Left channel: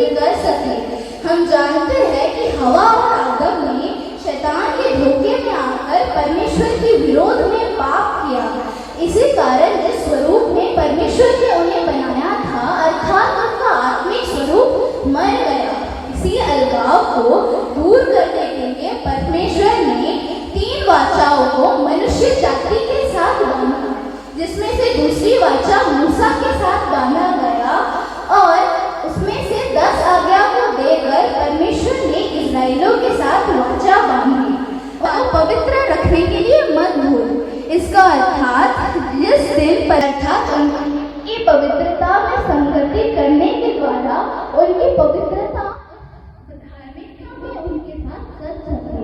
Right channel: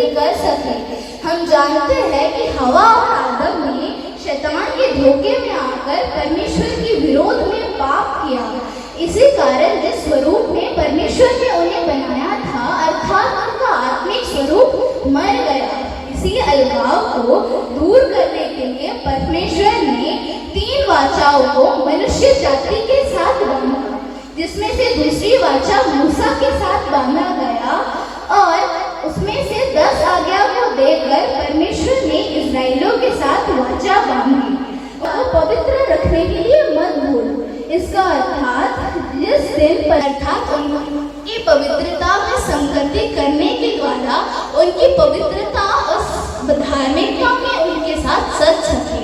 उन्नति कर सके। हम जानते हैं कि हवा और आदम ने शैतान के धोखे में आकर परमेश्वर के विरोध में पाप किया। इसी कारण जिस स्वरूप में परमेश्वर ने उन्हें बनाया था अर्थात उनका आत्मिक स्वरूप मर गया। इसी अलगाव को दूर करने के लिए परमेश्वर ने 3 वाचाओं को मनुष्य जाति के साथ बांधा, जिसमें से दूसरी वाचा मूसा के साथ बांधा गया और उसमें से 10 आज्ञा को देकर परमेश्वर ने इस्राएलियों के साथ वाचा बांधी और पवित्र रखने के लिए मत भूल। इसका अर्थात जिस दिन पर अर्थात उनकी पवित्रता में संगति करने के द्वारा उनकी पवित्रता और धार्मिकता में उनके साथ सच सके।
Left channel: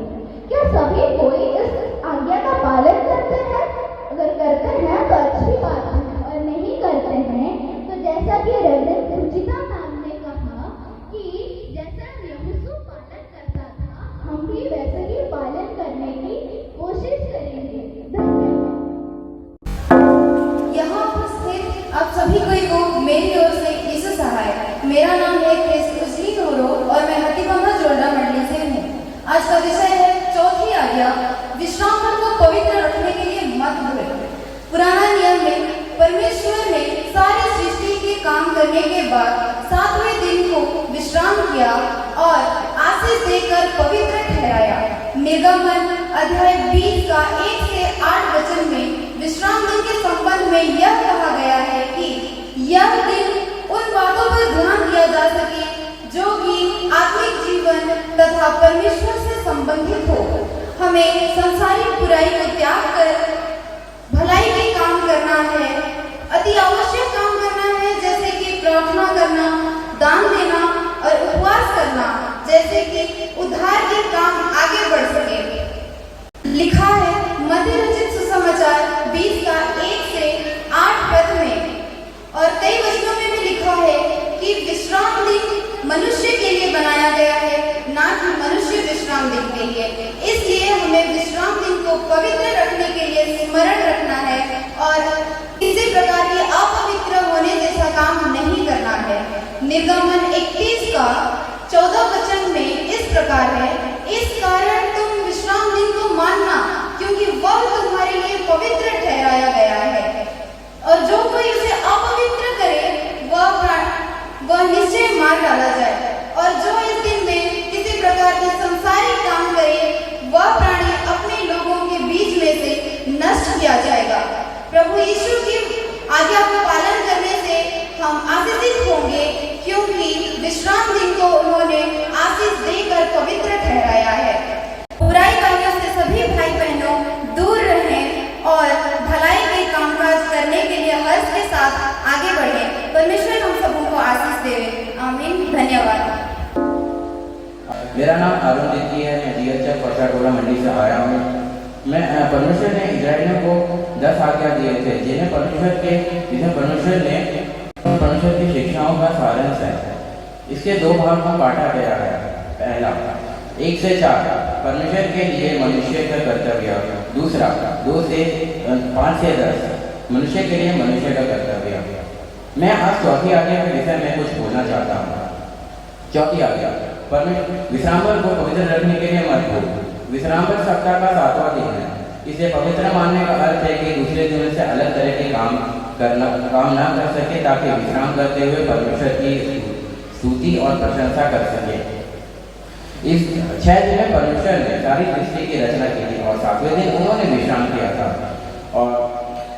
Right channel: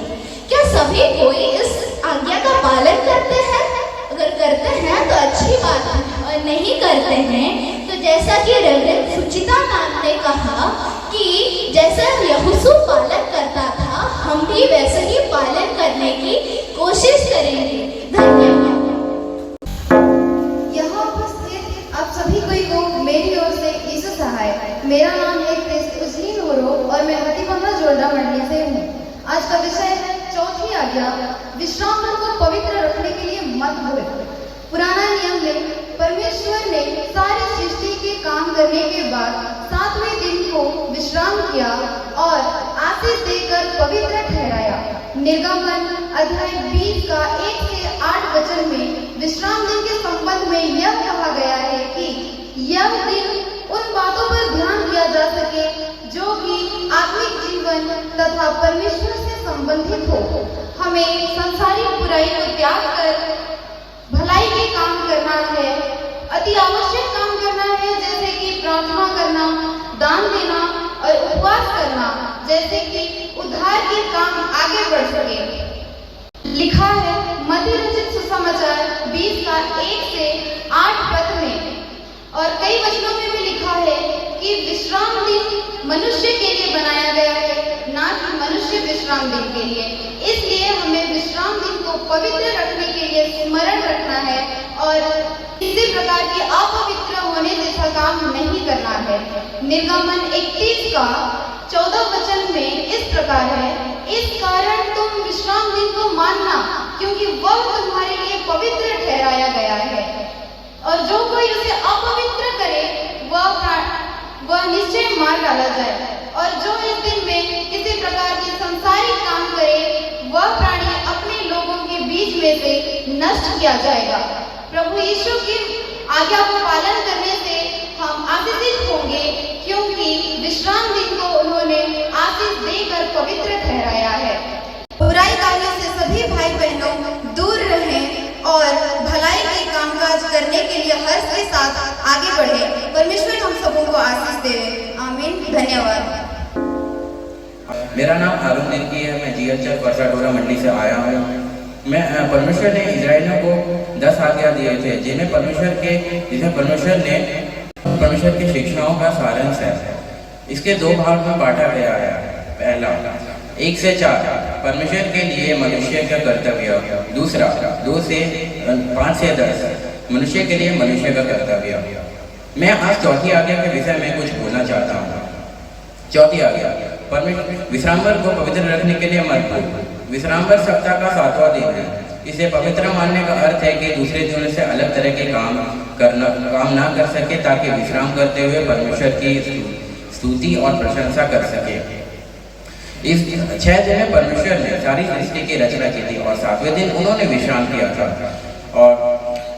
क्या सभी कोई इस आज्ञा का पालन करते हैं? अगर करते हैं तो अच्छी बात है, और नहीं करते हैं तो जैसा कि रेवरेंड सुचिता मैम ने कहा कि जैसा यहोशू पालन करता था हम भी वैसे ही पालन करने की कोशिश करेंगे। धन्यवाद। यहाँ उपस्थित आप सभी को मेरी ओर से यीशु सहाय। मेरा नाम है क्रिस्टुसली नोरो और मैं हतिकम्मा जोल्डा मंडली से हूँ। आज का विषय है चौथी आज्ञा, विश्राम दिन को पवित्र रखने के लिए मत भूल। पुराना नियम में परमेश्वर ने सारी सृष्टि के काम करने के बाद 7वें दिन को विश्राम किया और आशीष देकर पवित्र ठहराया। निर्गमन अध्याय 20 का 1 से 8 वचन में विश्राम दिन के संबंध में यह कहा गया है कि यह दिन उन बातों पर ध्यान दिया जा सके जो कि आत्मिक जीवन तथा परमेश्वर से संबंधित हो। हमें संसारिक बुराई को त्याग कर भलाई के काम करना है, अति आवश्यक काम करना है, जैसे कि प्रार्थना करना, दान देना और उपवास करना, जैसे कि उद्धार के काम आगे बढ़ सके। लिखा है मत्ती रचित सुसमाचार 20 का 1 से 8 पद में, और कई वचनों में भी लिखा है कि विश्राम दिन मनुष्य के लिए बनाया गया है, ना कि मनुष्य विश्राम दिन के लिए। इसलिए हमें विश्राम दिन को पवित्र रखने के लिए स्मरण रखना है और किसी प्रकार के अपवित्र होने जैसा काम नहीं करना है। निर्गमन 31 का 14 वचन में इस प्रकार है, इस कारण तुम विश्राम दिन को मानना, क्योंकि वह तुम्हारे लिए पवित्र ठहराया गया है, और जो कोई उसे अपवित्र करे वह निश्चय मार डाला जाए। और जो इस दिन में किसी प्रकार के संसारिक काम करे वह प्राणी अपने लोगों के बीच में से नष्ट किया जाएगा। प्रभु यीशु की आज्ञा को पालन करने से हम आशीषित होंगे, क्योंकि विश्राम दिन को उन्होंने आशीष देकर पवित्र ठहराया है। बुराई कार्यों से सभी भाई बहनों दूर रहें और भलाई के कामकाज करने के लिए हर्ष के साथ आगे बढ़े। परमेश्वर हम सबों को आशीष दे। आमीन। धन्यवाद। मेरा नाम हारून दिलकी है। मैं जीएचएफ परसाडोला मंडी से आया हूँ। मैं परमेश्वर ने इजराइलियों को 10 आज्ञा दिए थे, जिन्हें परमेश्वर ने परमेश्वर की शिक्षाओं का सारांश है। इसके 2 भाग में बांटा गया है। पहला 1 से 4 परमेश्वर के लिए मनुष्य का कर्तव्य, दूसरा 2 से 5 से 10 मनुष्य के लिए मनुष्य का कर्तव्य। मैं आज चौथी आज्ञा के विषय में कुछ बोलना चाहता हूँ। चौथी आज्ञा, विश्रामवार को पवित्र रखने के लिए मत भूल। विश्रामवार सप्ताह का 7वां दिन है। इसे पवित्र मानने का अर्थ है कि दूसरे दिनों से अलग तरह के काम ना कर सके, ताकि विश्राम करते हुए परमेश्वर की स्तुति और प्रशंसा कर सके। इस 6 दिन में परमेश्वर ने सारी सृष्टि की रचना की थी और 7वें दिन उन्होंने विश्राम किया था, और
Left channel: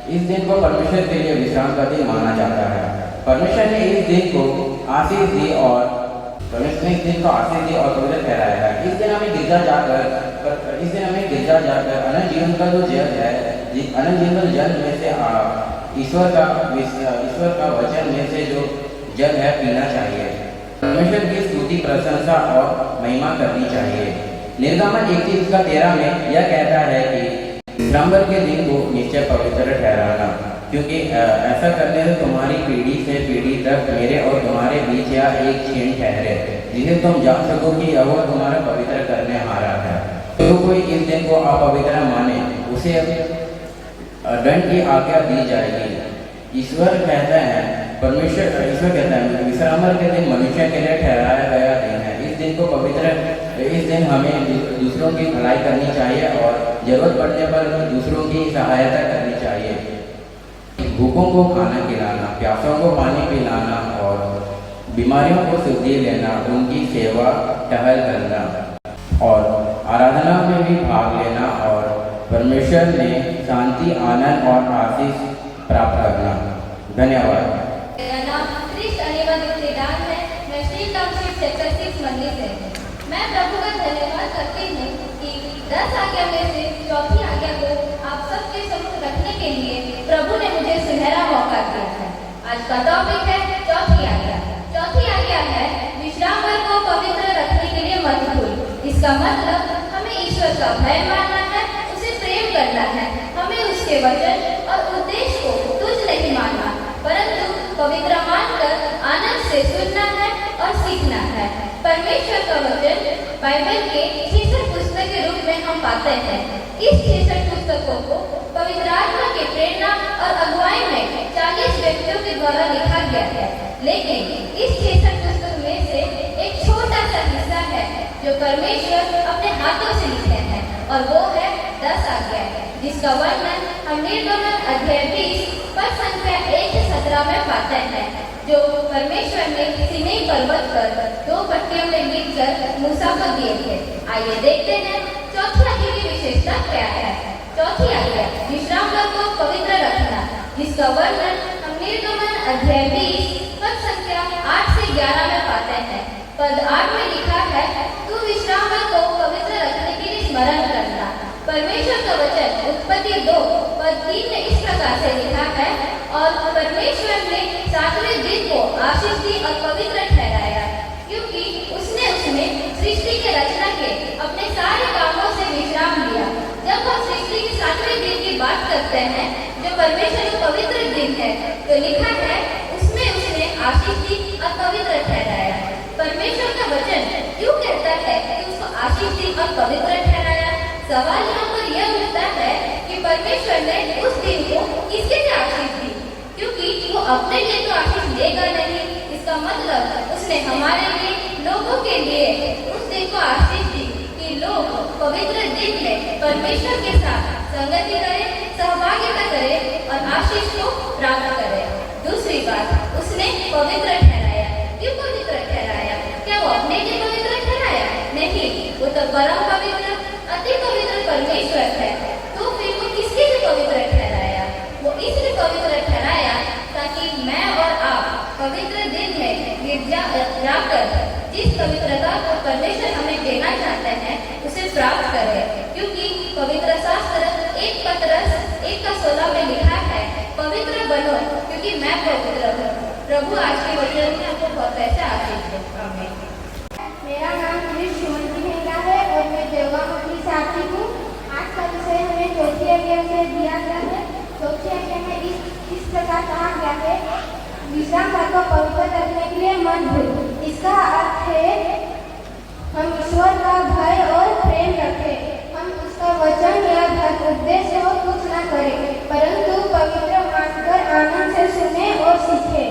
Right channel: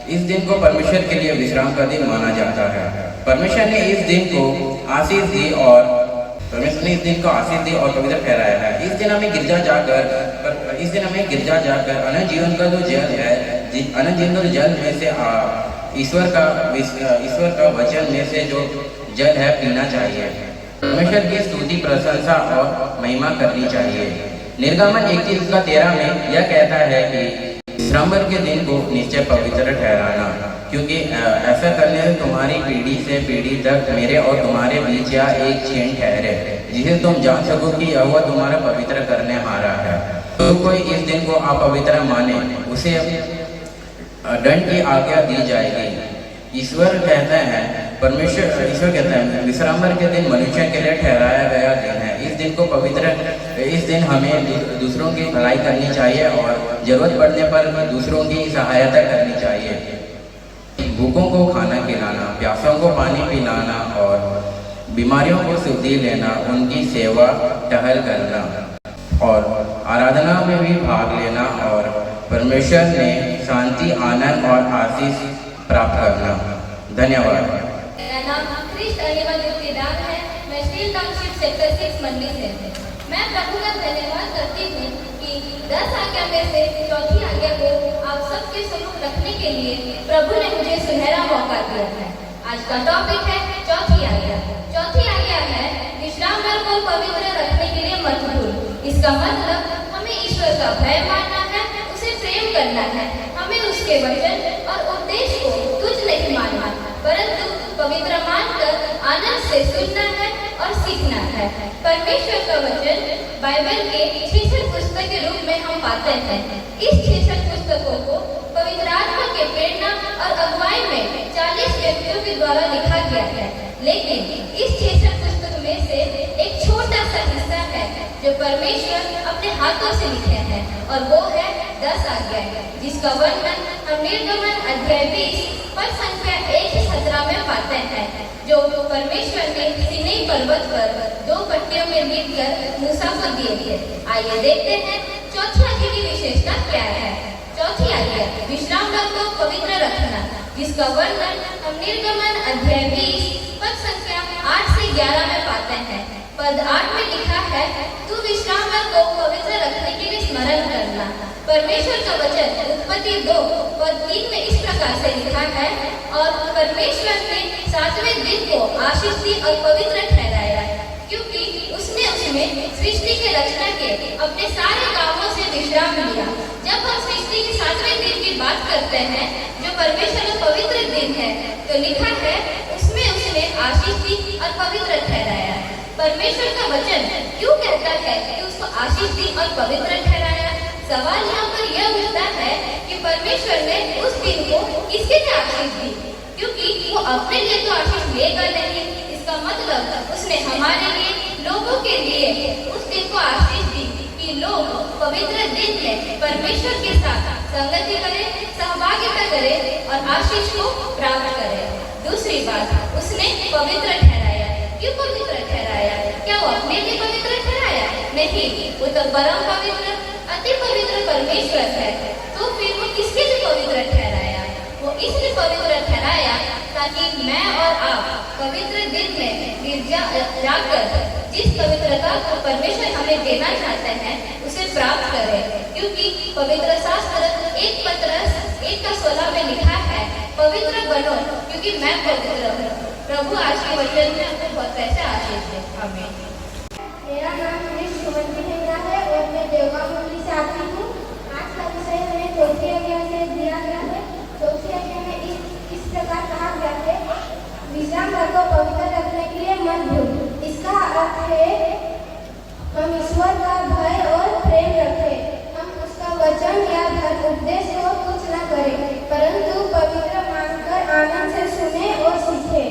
इस दिन को परमेश्वर के लिए विश्राम का दिन माना जाता है। परमेश्वर ने इस दिन को आशीष दी और पवित्र ठहराया है। इस दिन हमें गिरजा जाकर अनंत जीवन का जो जल है, अनंत जीवन का जल में से ईश्वर का वचन में से जो जल है पीना चाहिए। परमेश्वर की स्तुति, प्रशंसा और महिमा करनी चाहिए। निर्गमन 21 का 13 में यह कहता है कि विश्रामवार के दिन को निश्चय पवित्र ठहराना, क्योंकि ऐसा करने से तुम्हारी पीढ़ी से पीढ़ी तक मेरे और तुम्हारे बीच यह एक चेन ठहरे, जिसे तुम जान सको कि यहोवा तुम्हारा पवित्र करने हारा है। तो कोई इस दिन को अपवित्र माने उसे दंड की आज्ञा दी जाएगी। ईश्वर कहते हैं परमेश्वर ईश्वर कहता है विश्रामवार के दिन मनुष्य के लिए ठहराया गया दिन है। इस दिन हमें दूसरों की भलाई करनी चाहिए और जरूरत पड़ने पर दूसरों की सहायता करनी चाहिए। भूखों को खाना खिलाना, प्यासों को पानी पिलाना और बीमारियों को शुद्धि लेना, उनकी सेवा टहल करना और आराधना में भी भाग लेना और परमेश्वर ने शांति, आनंद और आशीष प्राप्त करना। धन्यवाद। मेरा नाम क्रिस्ट अनिवार्य है। मैं स्टील टाउनशिप सेक्टर 6 मंडी से हूँ। मैं प्रभु का धन्यवाद करती हूँ कि 10 आज्ञा में से चौथी आज्ञा को आप सबके सम्मुख रखने के लिए प्रभु ने मुझे सुनहरा मौका दिया है। आज का टॉपिक है चौथी आज्ञा। चौथी आज्ञा है विश्रामवार को पवित्र रखने के लिए मत भूल। इसका मतलब हमें ईश्वर का भय मानना है, उसे प्रेम करना है, हमें उसके वचन और उद्देश्य को तुच्छ नहीं मानना, परंतु पवित्र मानकर आनंद से सुनना है और सीखना है। परमेश्वर का वचन बाइबल के 66 पुस्तक के रूप में हम पाते हैं। इस 66 पुस्तकों को पवित्र आत्मा के प्रेरणा और अगुवाई में 40 व्यक्तियों के द्वारा लिखा गया है। लेकिन इस 66 पुस्तक में से एक छोटा सा हिस्सा है जो परमेश्वर अपने हाथों से लिखे हैं और वो है 10 आज्ञाएं, जिसका वर्णन हम निर्गमन अध्याय 20 पद संख्या 1 से 17 में पाते हैं, जो परमेश्वर ने सीनै पर्वत पर 2 पट्टियों में मिलकर मूसा को दिए थे। आइए देखते हैं चौथी आज्ञा की विशेषता क्या है। चौथी आज्ञा विश्रामवार को पवित्र रखना, जिसका वर्णन हम निर्गमन अध्याय 20 पद संख्या 8 से 11 में पाते हैं। पद 8 में लिखा है, तू विश्रामवार को पवित्र रखने के लिए स्मरण करना। परमेश्वर का वचन उत्पत्ति 2 पद 3 में इस प्रकार से लिखा है, और परमेश्वर ने 7वें दिन को आशीष दी और पवित्र ठहराया, क्योंकि उसने उसमें सृष्टि के रचना के अपने सारे कामों से विश्राम लिया। जब हम सृष्टि के 7वें दिन की बात करते हैं, जो परमेश्वर का पवित्र दिन है, तो लिखा है उसमें उसने आशीष दी और पवित्र ठहराया। परमेश्वर का वचन क्यों कहता है कि उसको आशीष दी और पवित्र ठहराया? सवाल यहाँ पर यह उठता है कि परमेश्वर ने उस दिन को किसके लिए आशीष दी, क्योंकि वो अपने लिए तो आशीष लेगा नहीं। इसका मतलब उसने हमारे लिए, लोगों के लिए उस दिन को आशीष दी कि लोग पवित्र दिन में परमेश्वर के साथ संगति करें, सहभागिता करें और आशीष को प्राप्त करें। दूसरी बात, उसने पवित्र ठहराया। क्यों पवित्र ठहराया? क्या वो अपने लिए पवित्र ठहराया? नहीं, वो तो परम पवित्र, अति पवित्र परमेश्वर है। तो फिर वो किसके लिए पवित्र ठहराया? वो इसलिए पवित्र ठहराया ताकि मैं और आप पवित्र दिन में गिरजा जाकर जिस पवित्रता को परमेश्वर हमें देना चाहते हैं उसे प्राप्त करें। क्योंकि पवित्र शास्त्र 1 पतरस 1:16 में लिखा है, पवित्र बनो क्योंकि मैं पवित्र हूँ। प्रभु आज के वचन में आपको बहुत ऐसे आशीष दे। आमीन। मेरा नाम है और मैं देवगांव मंडली से आती हूँ। आज का विषय हमें चौथी आज्ञा से दिया गया है। चौथी आज्ञा में इस प्रकार कहा गया है, विश्रामवार को पवित्र रखने के लिए मत भूल। इसका अर्थ है हम ईश्वर का भय और प्रेम रखें, हम उसका वचन या उद्देश्य को कुछ न करें, परंतु पवित्र मानकर आनंद से सुने और सीखे।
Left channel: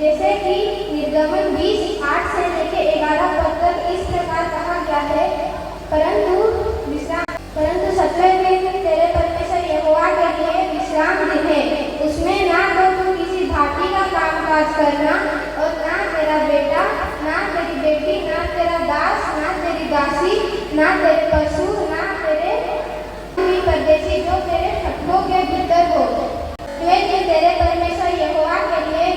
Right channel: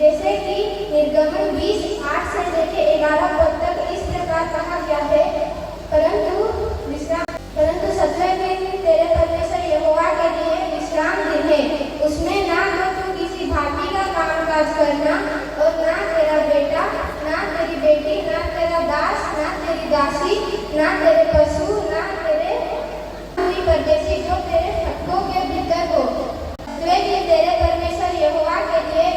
जैसे कि निर्गमन 20:8 से लेकर 11 पद तक इस प्रकार कहा गया है, परंतु 7वें दिन तेरे परमेश्वर यहोवा के लिए विश्राम दिन है। उसमें ना तो तू किसी भांति का कामकाज करना, और ना तेरा बेटा, ना तेरी बेटी, ना तेरा दास, ना तेरी दासी, ना तेरे पशु, ना तेरे कोई परदेशी जो तेरे खटकों के भीतर हो। तेरे परमेश्वर यहोवा के लिए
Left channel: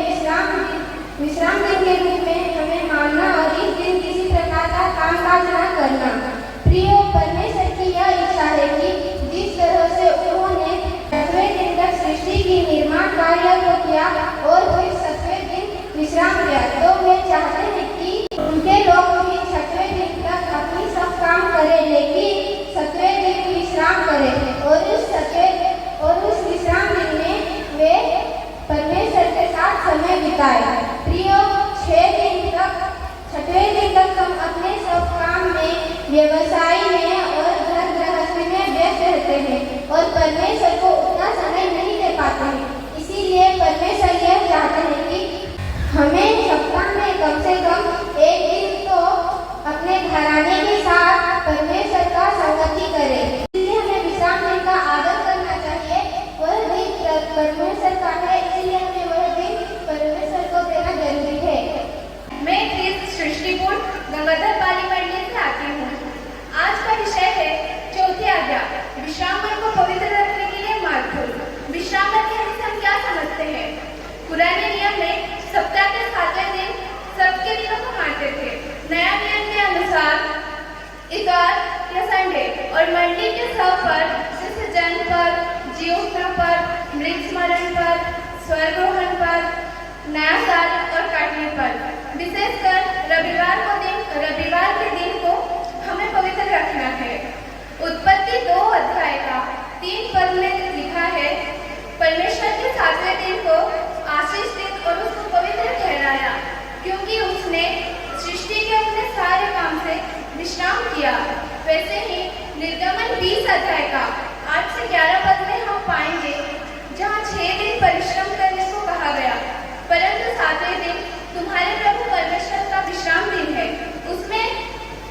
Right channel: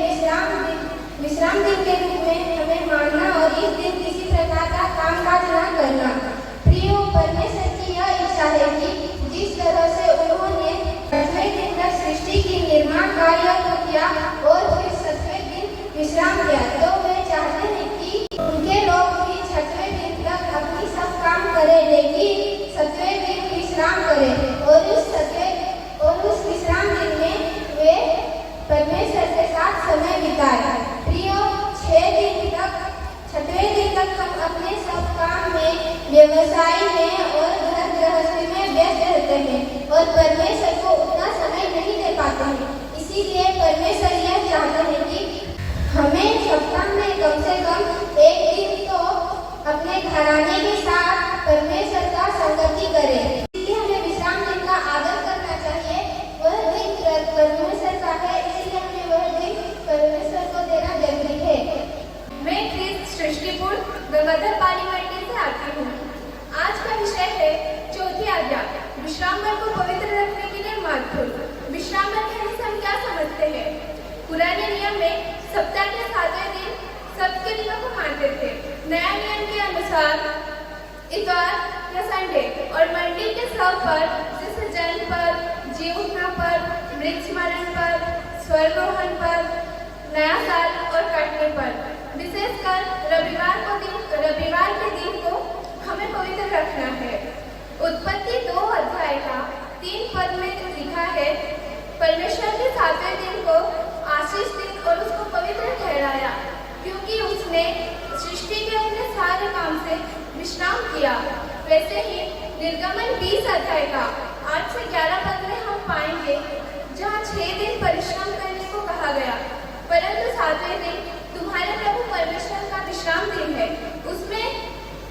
विश्राम दिन के रूप में हमें मानना और इस दिन किसी प्रकार का कामकाज न करना। प्रियो, परमेश्वर की यह इच्छा है कि जिस तरह से उन्होंने 7वें दिन तक सृष्टि की निर्माण कार्य को किया और फिर 7वें दिन विश्राम किया, तो वे चाहते हैं कि उनके लोग भी 6वें दिन तक अपनी सब काम करें, लेकिन 7वें दिन विश्राम करें और उस विश्राम दिन में वे परमेश्वर के साथ समय बिताए। प्रियो, 6वें दिन तक हम अपने सब काम में, व्यवसाय में और घर गृहस्थी में व्यस्त रहते हैं और परमेश्वर को उतना समय नहीं दे पाते हैं। इसीलिए परमेश्वर यह चाहते हैं कि संडे और मंडली के सब पर जैसे जन्म पर, जीवोत्सव पर, मृत स्मरण पर, स्वर्गरोहण पर, नया साल और कटनी पर, विशेषकर रविवार के दिन को हमें पवित्र रखना है। उत्पत्ति 2 अध्याय का 3 पद में लिखा है, परमेश्वर के 7वें दिन को आशीष दिन और उसको पवित्र ठहराया, क्योंकि उसने सृष्टि के अपने सारे काम से विश्राम किया। वैसे ही निर्गमन 20 अध्याय का 8 से 11 पद में हम पाएंगे, जहाँ 6 दिन परिश्रम करने को कहा गया, परंतु 7वें दिन तुम्हारे प्रभु परमेश्वर का विश्राम दिन है, उसमें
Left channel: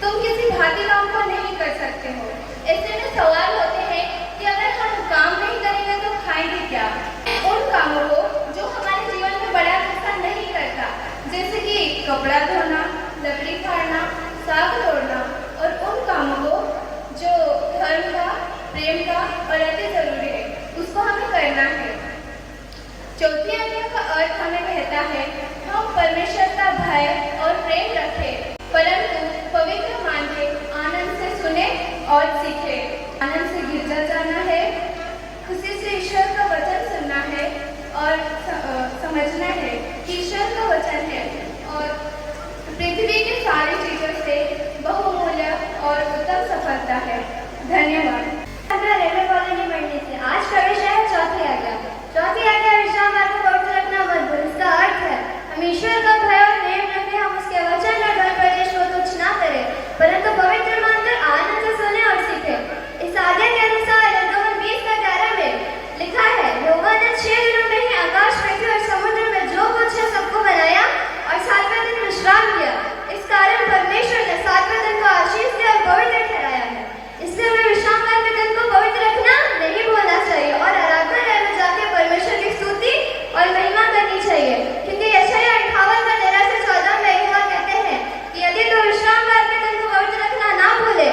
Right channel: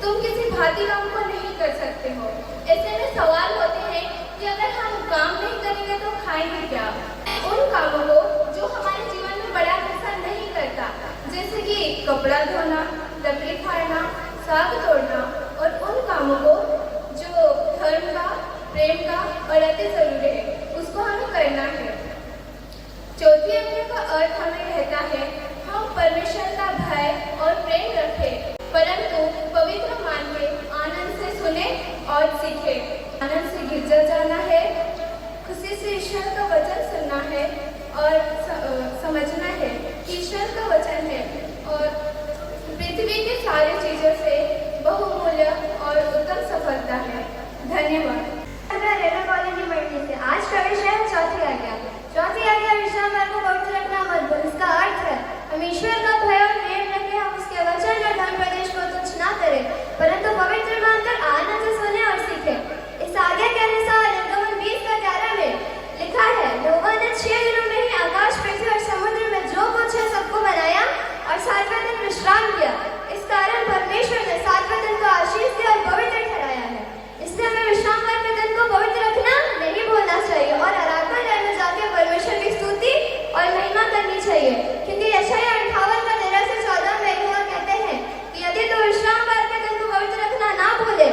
तुम किसी भांति काम को नहीं कर सकते हो। ऐसे में सवाल होते हैं कि अगर हम काम नहीं करेंगे तो खाएंगे क्या? उन कामों को जो हमारे जीवन में बड़ा नुकसान नहीं करता, जैसे कि कपड़ा धोना, लकड़ी फाड़ना, साग तोड़ना, और उन कामों को जो धर्म का, प्रेम का और अति जरूरी है, उसको हमें करना है। चौथी आज्ञा का अर्थ हमें कहता है, हम परमेश्वर का भय और प्रेम रखें, परंतु पवित्र मान के आनंद से सुने और सीखे। आनंद से गिरजा जाना है, खुशी से ईश्वर का वचन सुनना है और समझना है कि ईश्वर का वचन है और पृथ्वी की सारी चीजों से बहुमूल्य और उत्तम सफलता है। धन्यवाद। रेलवे कॉलोनी मंडी से आज का विषय है चौथी आज्ञा। चौथी आज्ञा विश्राम को पवित्र रखना मत भूल। इसका अर्थ है हम ईश्वर का भय और प्रेम रखें, हम उसके वचन और धर्म प्रदेश को तुच्छ ना करें, परंतु पवित्र मानकर आनंद से सुने और सीखे। इस आज्ञा के अनुसार निर्गमन 20:11 में लिखा है, यहोवा ने 6 दिनों में ही आकाश, पृथ्वी और समुद्र में जो कुछ है सबको बनाया और 7वें दिन विश्राम किया। इस कारण परमेश्वर ने 7वें दिन को आशीष दिया और पवित्र ठहराया है। इसलिए हमें विश्राम करते दिन को पवित्र रखना नहीं भूलना चाहिए और आराधनालय में जाकर परमेश्वर की स्तुति और महिमा करनी चाहिए, क्योंकि यशायाह 58:13-14 में यहोवा कहते हैं कि यदि तो विश्राम करते दिन को पवित्र रखना ना भूले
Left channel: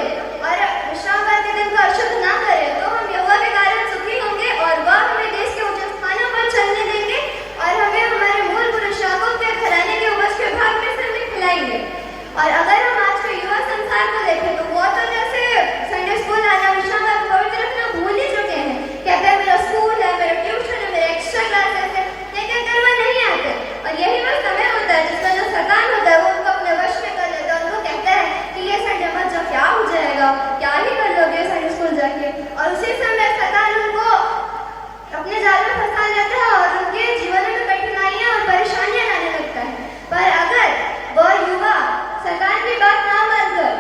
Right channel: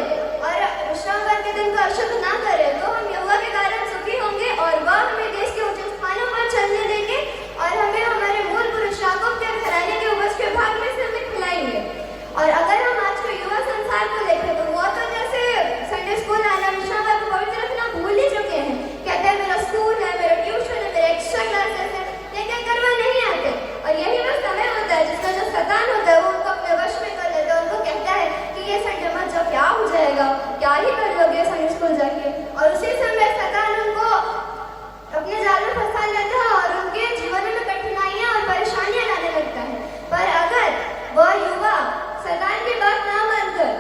और विश्राम करते दिन को अशुद्ध ना करे, तो हम यहोवा के कारण सुखी होंगे और वह हमें देश के ऊंचे स्थानों पर चलने देंगे और हमें हमारे मूल पुरुष याकूब के घराने के उपज के भाग में से खिलाएंगे। और अगर हम आज के युवा संसार को देखें तो वो तो जैसे संडे स्कूल आना, विश्राम को पवित्र रखना भूल ही चुके हैं। कहते हैं मेरा स्कूल है, मेरा ट्यूशन है, मेरे एक्स्ट्रा क्लासेस है, लेकिन करवा नहीं आते। और यही वह समय होता है जिसका जो शैतान होता है वो उनको अपने वश में कर लेता है। उनको कहता है कि ये संडे मत जाओ, क्या हो जाएगा, क्या ही कर लोगे संडे स्कूल जाके। और उसी समय शैतान उनको अपने जाल में फंसा लेता है और उनके जीवन में कठिनाइयां और परेशानियां लाने लगता है। पर अगर वह युवा शैतान की बात ना मानकर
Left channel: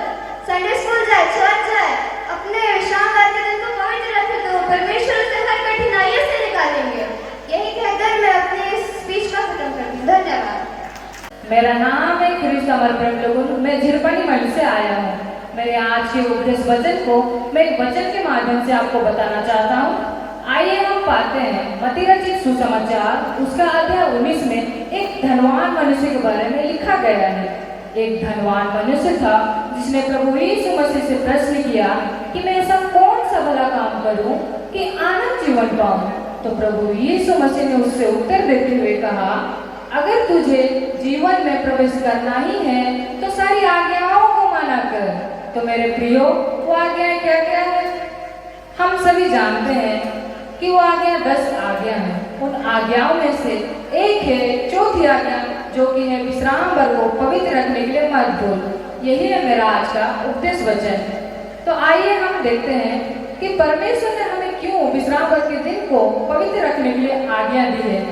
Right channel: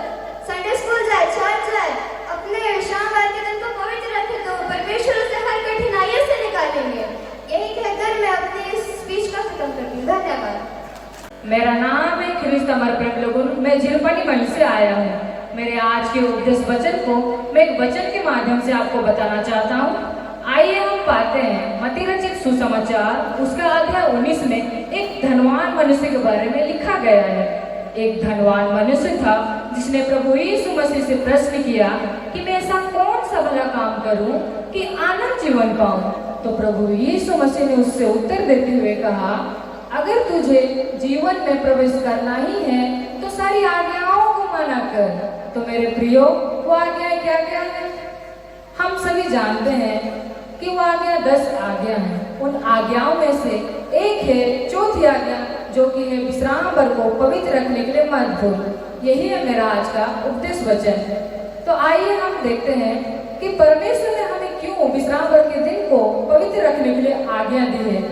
संडे स्कूल जाए, चर्च जाए, अपने विश्राम करते दिन को पवित्र रखे, तो परमेश्वर उसे हर कठिनाइयों से निकालेंगे। यही कहकर मैं अपनी इस स्पीच को खत्म करती हूँ। धन्यवाद। मेरा नाम है ख्रिस्त समर्पण लोगों, मैं झिरपनी मंच से आया हूँ। मेरे आज के उपदेश वचन को मैं एक वचन के माध्यम से आपको बताना चाहता हूँ। आइए हम पाते हैं मत्ती रचित सुसमाचार उसका अध्याय 19 में एक धनवान मनुष्य के बारे में लिखा गया है। एक धनवान मनुष्य था जिसने प्रभु यीशु मसीह से प्रश्न किया कि मैं ऐसा कौन सा भला काम करूं कि आनंद जीवन पाऊं। तो प्रभु यीशु मसीह ने उससे उत्तर देते हुए कहा, अगर तुझे जीवन में प्रवेश करना ही है तो सारी आज्ञाओं को माना कर। तो मेरे प्रियो, वो आज्ञाएं क्या क्या है? हम सभी जानते हैं कि वो आज्ञा 10 आज्ञा हैं। उन आज्ञाओं में से एक है चौथी आज्ञा, जो कि है विश्राम भर को पवित्र रखने के लिए मत भूल। यही है मेरा आज का उपदेश वचन। तो आइए हम देखते हैं कि परमेश्वर ने हमें क्यों विश्राम भर के दिन को पवित्र रखने के लिए आज्ञा दी है।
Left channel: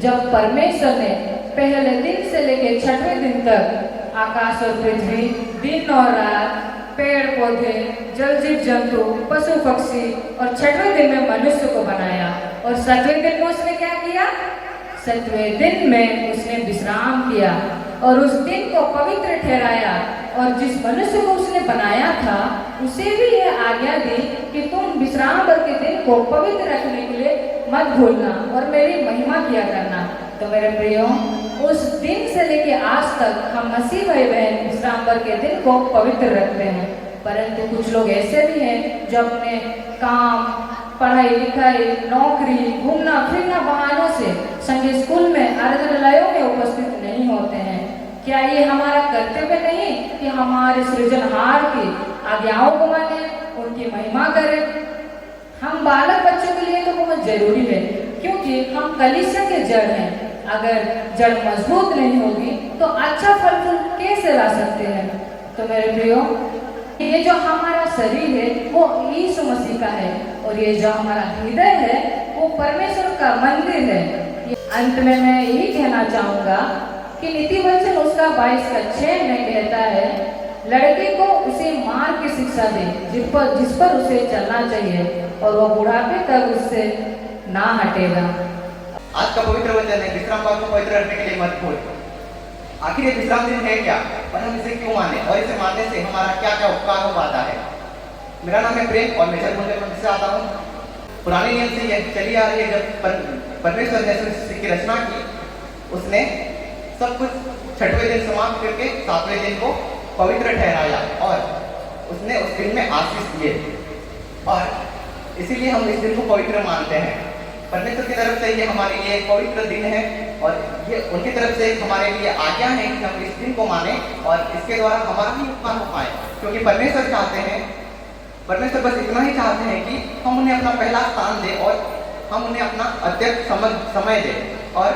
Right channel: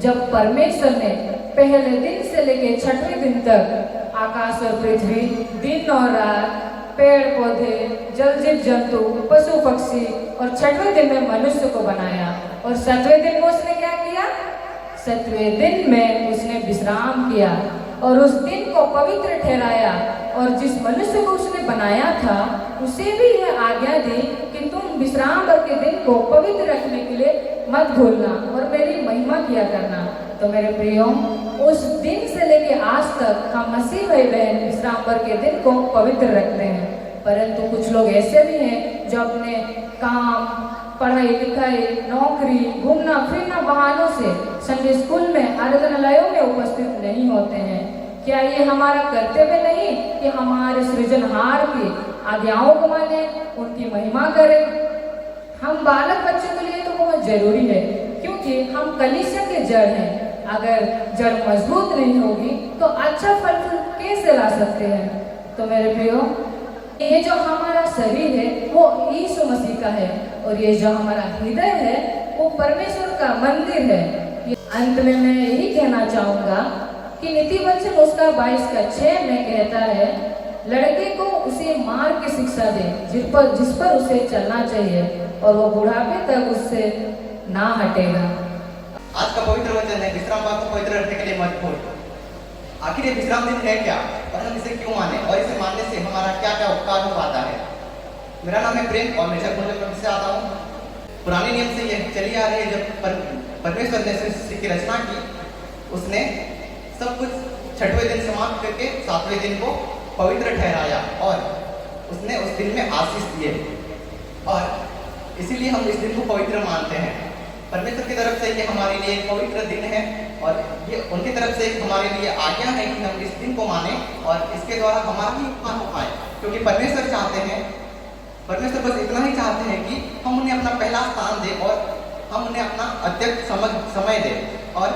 जब परमेश्वर ने पहले दिन से लेकर 6वें दिन तक आकाश और पृथ्वी, दिन और रात, पेड़ पौधे, जलचर जंतु, पशु पक्षी और 6वें दिन में मनुष्य को बनाया और 7वें दिन में उसने क्या किया? 7वें दिन में उसने विश्राम किया और उस दिन को पवित्र ठहराया। और जिस मनुष्य को उसने बनाया था उसे भी यह आज्ञा दी कि तुम विश्राम भर के दिन को पवित्र रखने के लिए मत भूलना और मेरी महिमा किया करना। तो मेरे प्रियो, उस दिन से लेके आज तक हम मसीह भाई बहन विश्राम भर के दिन को पवित्र रखते हैं। परंतु कुछ लोग ऐसे भी हैं जो अपने काम, पढ़ाई लिखाई, नौकरी, घूमना फिरना बहानों से संडे स्कूल में, आराधनालयों में उपस्थित नहीं होते हैं। क्या ये हमारा कर्तव्य नहीं कि हमारे सृजनहार की आज्ञाओं को माने, उनकी महिमा करें। हम बालक बच्चों के लिए तो बहुत जरूरी है, क्योंकि हम कलीसिया के जड़ हैं। अगर जड़ मजबूत नहीं होगी तो अच्छा फल फूल कैसे ला सकते हैं। तो मेरे प्रियो, ये जो हमारा शरीर है वो यीशु मसीह का है, और ये जो हमारा हृदय है वो परमेश्वर का मंदिर है। अंत में मैं यही कहना चाहूंगा कि नीति वचन उसका 22:6 में कहता है, लड़के को उसे मार की शिक्षा दे जिस पर उसे चलना चाहिए, और वो बुढ़ापे तक उससे ना हटेगा। आज का पवित्र वचन है, विश्रामवार को पवित्र रखने के लिए मत भूल। आखिर ये विश्राम दिन है क्या, और हम इसे क्यों माने, और इसे मानने से हमारा क्या क्या उपकार हो पाता है। मेरा नाम है प्रेम और मैं जन्मभूमि मंदिर से आता हूँ। पुराने नियम से यह चली आ रही है, जब परमेश्वर ने सृष्टि की रचना की, उसने सब कुछ 6वें दिन समाप्त करके 7वें दिन को पवित्र ठहराया, और उसने उस दिन में आशीष दिए, और इसीलिए हम इस दिन को पवित्र मानते हैं। परमेश्वर की तरफ से ये हमारे लिए एक पवित्र दिन है, और ये उनकी तरफ से हमारे लिए आज्ञा है कि हम इस दिन को माने, और इसके द्वारा हमारा ही उपकार हो पाए। क्योंकि परमेश्वर चाहते हैं, परमेश्वर बस इतना ही चाहते हैं कि हम उन्हें अपना पहला स्थान दें, और हम उन्हें अपना अत्यंत समय दें, और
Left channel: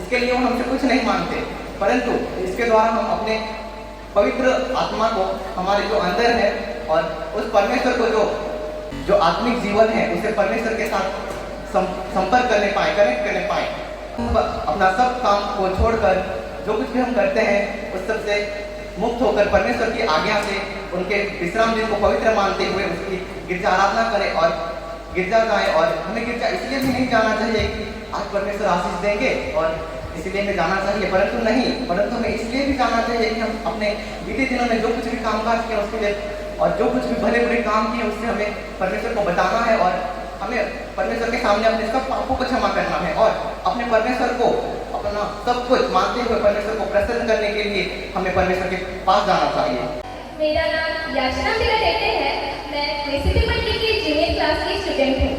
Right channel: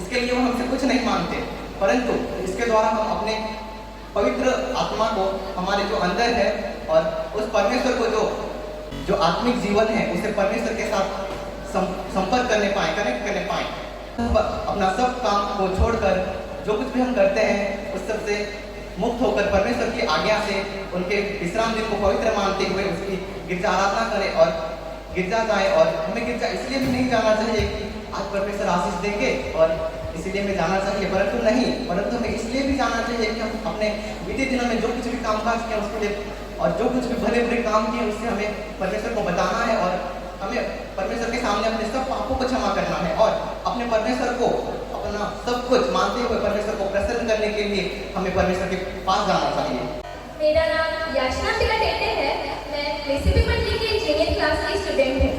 इसके लिए वो हमसे कुछ नहीं मांगते, परंतु इसके द्वारा हम अपने पवित्र आत्मा को, हमारे जो अंदर है, और उस परमेश्वर को जो आत्मिक जीवन है, उसे परमेश्वर के साथ संपर्क करने पाए, कनेक्ट करने पाए। हम अपना सब काम को छोड़कर जो कुछ भी हम करते हैं उस सब से मुक्त होकर परमेश्वर की आज्ञा से उनके विश्राम दिन को पवित्र मानते हुए उसकी गिरजा आराधना करें और गिरजा जाए। और हमें गिरजा इसलिए भी नहीं जाना चाहिए कि आज परमेश्वर आशीष देंगे और इसलिए हमें जाना चाहिए, परंतु हमें इसलिए भी जाना चाहिए कि हम अपने बीते दिनों में जो कुछ भी कामकाज किए उसके लिए, और जो कुछ भी भले बुरे काम किए उससे हमें परमेश्वर को बताना है, और हमें परमेश्वर के सामने अपने सब पापों को क्षमा करना है, और अपने परमेश्वर को अपना सब कुछ मानते हुए परमेश्वर को प्रसन्न करने के लिए हमें परमेश्वर के पास जाना चाहिए। मेरा नाम याचना टेटे है। मैं रेसिपी मंडी की जूनियर क्लास की स्टूडेंट हूँ।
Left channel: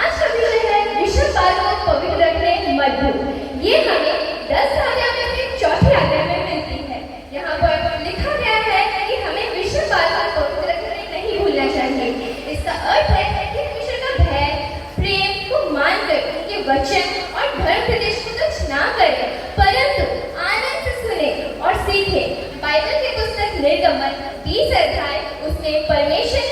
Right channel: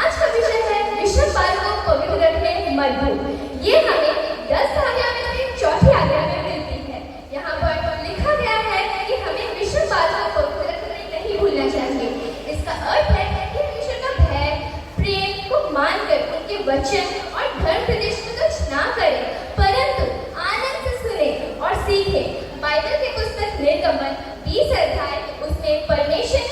आज का विषय है विश्वासवार को पवित्र रखने मत भूल। ये हमें 10 आज्ञा में से चौथी आज्ञा में मिलती है। यहाँ पर लिखा गया है कि हमें विश्वासवार को पवित्र रखने नहीं भूलना चाहिए। इसका अर्थ है कि ईश्वर का भय, प्रेम को मानकर उनके वचन और धर्म प्रदेश को तुच्छ ना करें, परंतु आनंद से सुने और सीखे। बाइबल की पुस्तक निर्गमन 20 अध्याय, उसमें परमेश्वर